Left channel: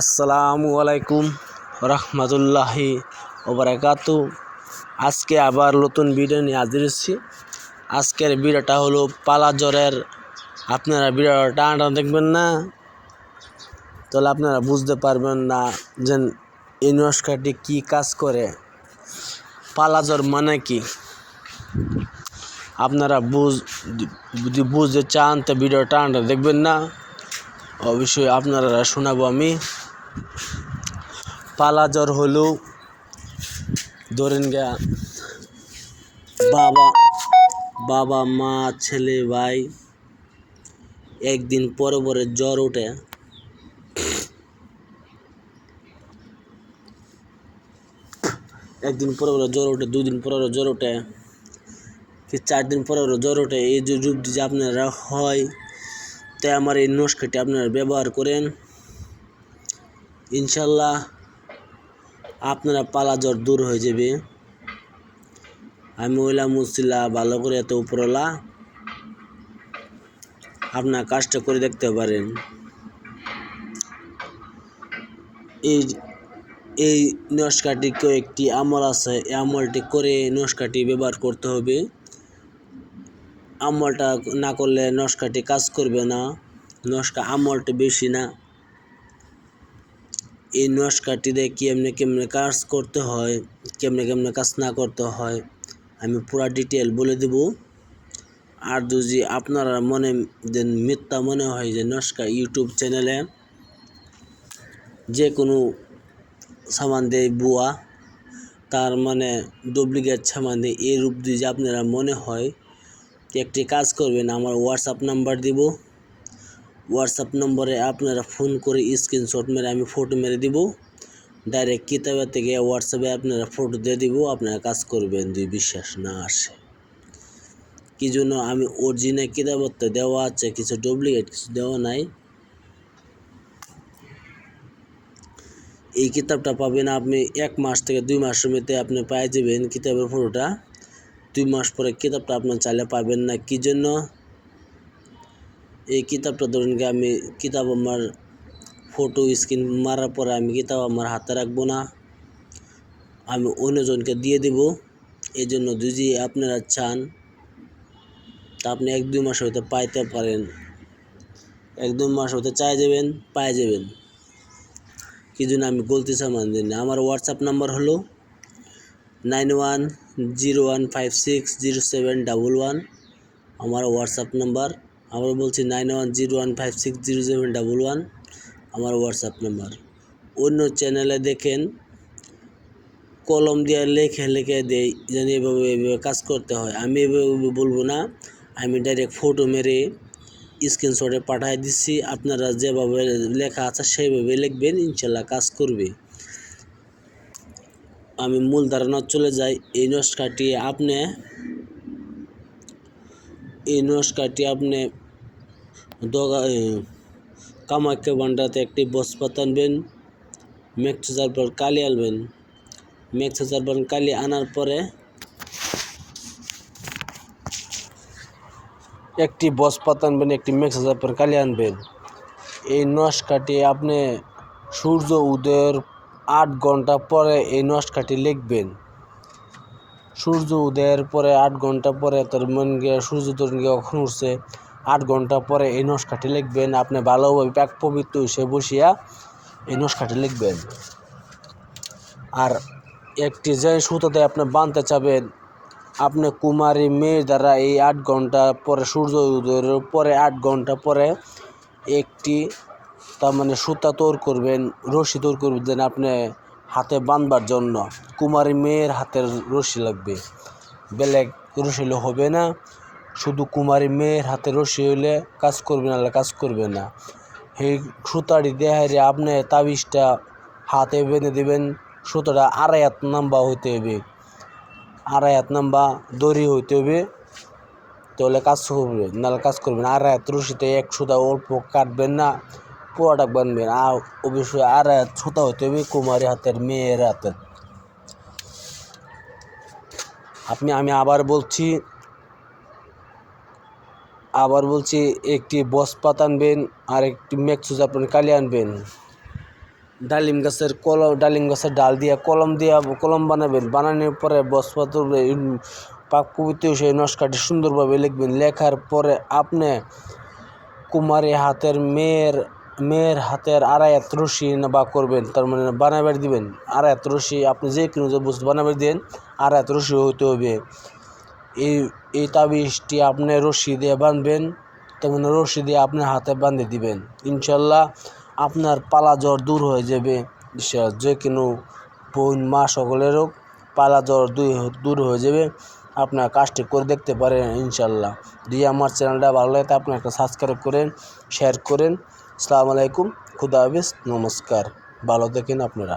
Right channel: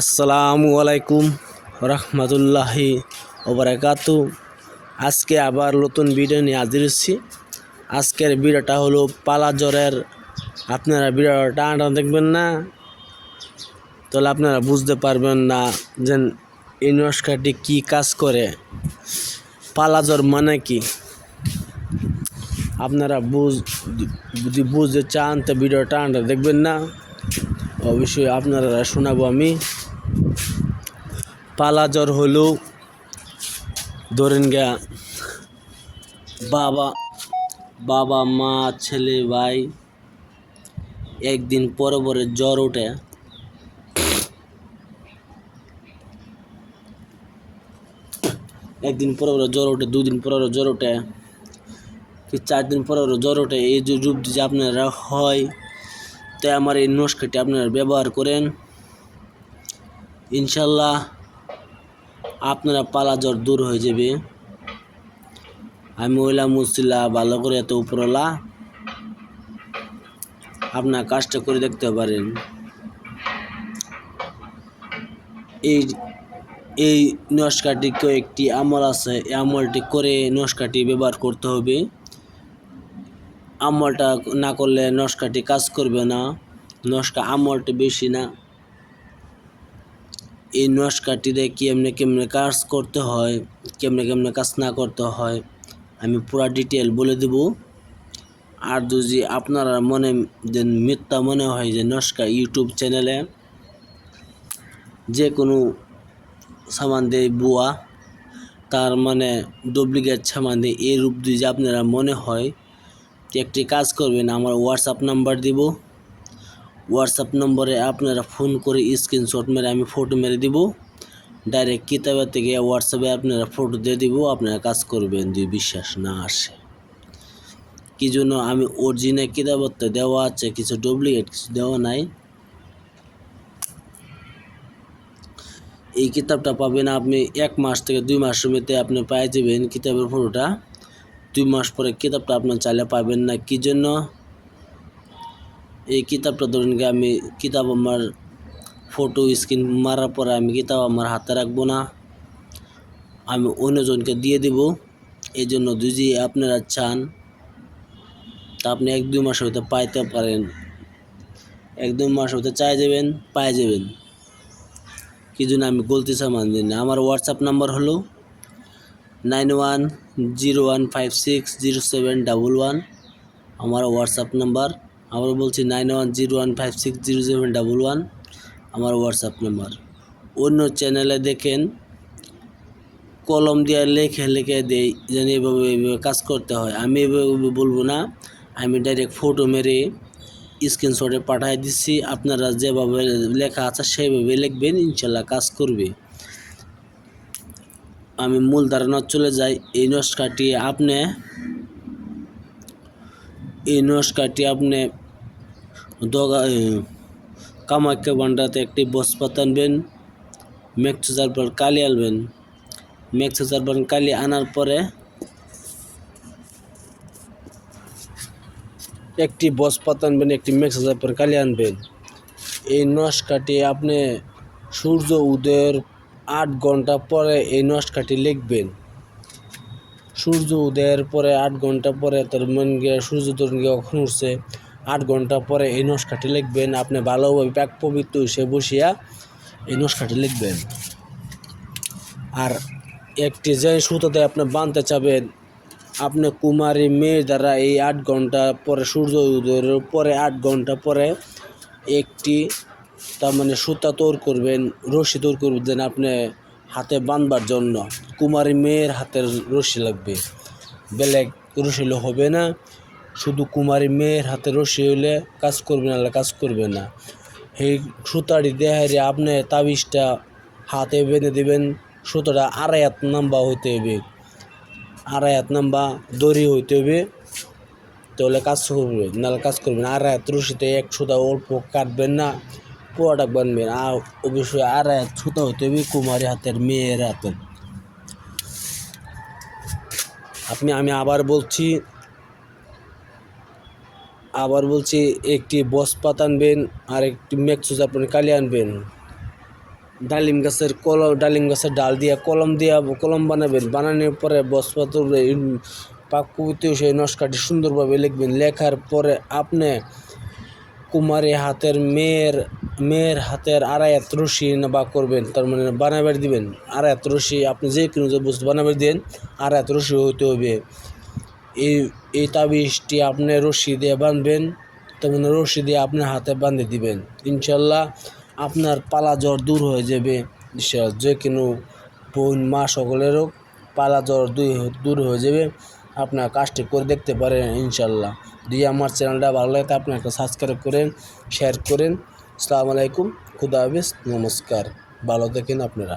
আসসালামু আলাইকুম রহমতুল্লাহি ওবরাকাতু আজকে আবার নতুন ভিডিও নিয়ে হাজির হচ্ছি। আজকের ভিডিওটা হলো পালা জ্বরের আপনারা ভিডিওটা টানা দেখবেন না। তাহলে আপনারা বুঝতে পারবেন না যে এই নস্কাটি কী কাজ করে। পালা জ্বর মানে কি? আপনারা বুঝ যদি বুঝতে চান তো ভিডিও টানটা দেখবেন না। অবশ্যই আপনারা শোনাবো আমি। পালা জ্বর হলো, ধরেন গা বাবা বাবা, মা, ছেলে, ভাই, একদিন পরে পরে জ্বর ওঠে। একদিন পরে পরে জ্বর ওঠে, দুদিন পরে পরে জ্বর ওঠে, কি চার দিন পরে পরে জ্বর ওঠে, এই যে রূপ যে আপনারা হয় তাই আমার এই নস্কাটি আপনারা ব্যবহার করেন। ইনশাল্লাহ আপনারা পালা জ্বর দূর হয়ে যাবে। আমি ওইলা মুসিলা ভালো করে এত উপরলা আপনার কাজটা করে দেখতে পারেন। এই এই নস্কাটিকেও একটি আমল আছে, এই আমলটি করে নস্কাটি ব্যবহার করতে হবে। আমলটা না করলে নস্কাটি কাজ করবে না। নস্কা আমলটি বেশি না। এই নস্কাটিতে কেমনে কেমনে কাজ করতে হয়, কেমনে কেমনে কাজ না করতে হয়, আমি পুরা ডিটেল বলে দেব। আর যদি আপনারা মনে যে মিথ্যা মনে হয় যে নস্কা ইউটিউব চ্যানেলে যে কোনো সামান দেয় বুয়া, তার মানে ডুপ্লিকেট সামান দেয় এই রূপ দিয়ে যে আপনারা মনে হয় একটি কাজ করবেন, আমার হোয়াটসঅ্যাপ নাম্বার দিব। হোয়াটসঅ্যাপ নম্বরে আপনারা ফোন করে স্ক্রিনশট মেরে আমি ফটো মেরে দিব। ডাইরেক্ট কিতাবের থেকে হোয়াটসঅ্যাপে আপনারা ফটো দিয়ে দিব, আপনারা কাজ করবেন, যদি বিশ্বাস না আসে। কি জন্য আমি অরিজিনাল কিতাবত তো দেওয়া আছে, কিছু ডুপ্লিকেট কিছু দেওয়া নাই। এই কিতাবটা পাবেন আপনি এক মাস থেকে দুই মাসের মধ্যে আপনি পেয়ে যাবেন কিতাবের ফটোটা দুই মাস পরে কিতাবটা আপনার চাইলে পাবেন না। কি জন্য? এই কিতাবটা ধরুন কি আমি কিতাব আমার ফটো স্ক্রিন মারার পরে আমি কিতাব আমার হাতে রাখব না। আমি অন্যজনকে দিয়ে দেব। এই জন্য যদি আপনারা চান, তা আপনি এক দুই মাস হইতে পাইতে পারেন। এক দুই মাস হইতে চাই যাবেন, পাই যাবেন। কি জন্য আমি গলতি সামান দিন? না আমার হোয়াটসঅ্যাপ নাম্বার হলো nine one zero one five six zero seven double one. আমার হোয়াটসঅ্যাপ নাম্বার আবার বলছি nine one zero one five six zero seven double one. আমার হোয়াটসঅ্যাপ নাম্বার। অন্য চ্যানেলে দেখেন, কলম দিয়ে লেখে লেখে দেই, যেন এভাবে এভাবে কাজ করতে হয়। আমি এভাবে বলব না, আমি ডাইরেক্ট ফটো মেরে স্ক্রিনশটে পাঠিয়ে দিচ্ছি। আপনারা যেভাবে লেখা আছে সেইভাবে লিখবেন, ইনশাল্লাহ কাজ করবে। আমি মূল ধারণা চলে যাই। এই নস্কাটি আপনি, এই নস্কাটি আপনি দগা কামাখ্যা ভান্ডাতে একটি বসপাত আনবেন মেক্সচার পর কালি আনবেন। মেক্সচার পর কালি আনার পরে একটি বসপাত আনবেন, একটি মেক্সচার পর কালি আনবেন। এই নস্কাটি আপনি সূর্য উদয়ের আট ঘণ্টা পরে এই নস্কাটি লিখবেন। সূর্য উদয়ের পরে আট ঘণ্টা পরে তার মন গিয়ে সূর্য তরুণ গিয়ে কখন উঠছে? আট ঘণ্টা পরে এই নস্কাটি লিখবেন। আপনি ভালোভাবে প্যাক পবিত্র সে বসিয়া এই নস্কাটি লিখবেন। আর একটি যে সুতোতে আপনি বাঁধতে চাবেন, আপনি কুমারী মেয়ে দ্বারা এই আট ঘণ্টা পরে সূর্য উদয়ের পরে আট ঘণ্টা পরে একটি তার মানে সুতা তোর করবেন, রশি তৈরি করবেন আপনি হাতে বাঁধবার জন্য। কুমারী মেয়ের হাতের রশি লাগবে। বেলেগ রশি হলে হবে না। শুধু কুমারী মেয়ের হাতে রশি হলে কাজ করবে না, কাজ করবে না। এই সুতাটি দেহারে আপনি তাবিজটা হাতে বেঁধে দেবেন। সুতোটা আড়াই হাত নাম্বা হইতে হবে। আড়াই হাত নাম্বা দড়ি হইতে হবে। তাহলে কাজ করবে, নাহলে কাজ করবে না। আড়াই হাত রশিতে এক সুতা অল্প কাটবেন না। পুরোটা বানবেন আর অবশ্যই আর হাত হতে হবে কুমারী হাতের, মেয়ের হাতের। আপনি, আমি আবার বলছি আবার বলছি, একটি বসপাত আনবেন আর একটি মেক্সুজ আপনি কালি আনবেন। ডালিম গাছের কলম ডালিম গাছের ডাল দিয়া কলম দিয়া কলম বানাবেন, বানানোর পরে বসপাতর পাক পবিত্র সেই নস্কাটি সুন্দরভাবে লিখবেন। লেখার পরে আপনি কুমারী হাতের মেয়ের মেয়ের হাতের আড়াই হাত রশি বা করবেন, তার মানে বানাবার দিবেন। আড়াই হাত রশি আপনি যে কোনো যে বস্তু বানাবার দেন আড়াই হাত রশি হইতে হবে। এই এই তাবিজটি আপনি রশি দিয়ে বাঁধবেন তেমন রশি দিয়ে আপনার হাতে বাঁধে দিবেন। ইনশাল্লাহ আপনার পালা জ্বর দূর হয়ে যাবে। যে কোনো বোন, মা সকলেরও পালা জ্বর দূর হয়ে যাবে। আপনার কাজটি করে দেখতে পারেন ইনশাল্লাহ। দিয়ে আমার চ্যানেলটা ভালো লাগে আপনি একটা সাবস্ক্রাইব করেন শেয়ার করেন। আসসালামু আলাইকুম খুদা হাফিজ নমস্কার। ভালো থাকেন আপনারা।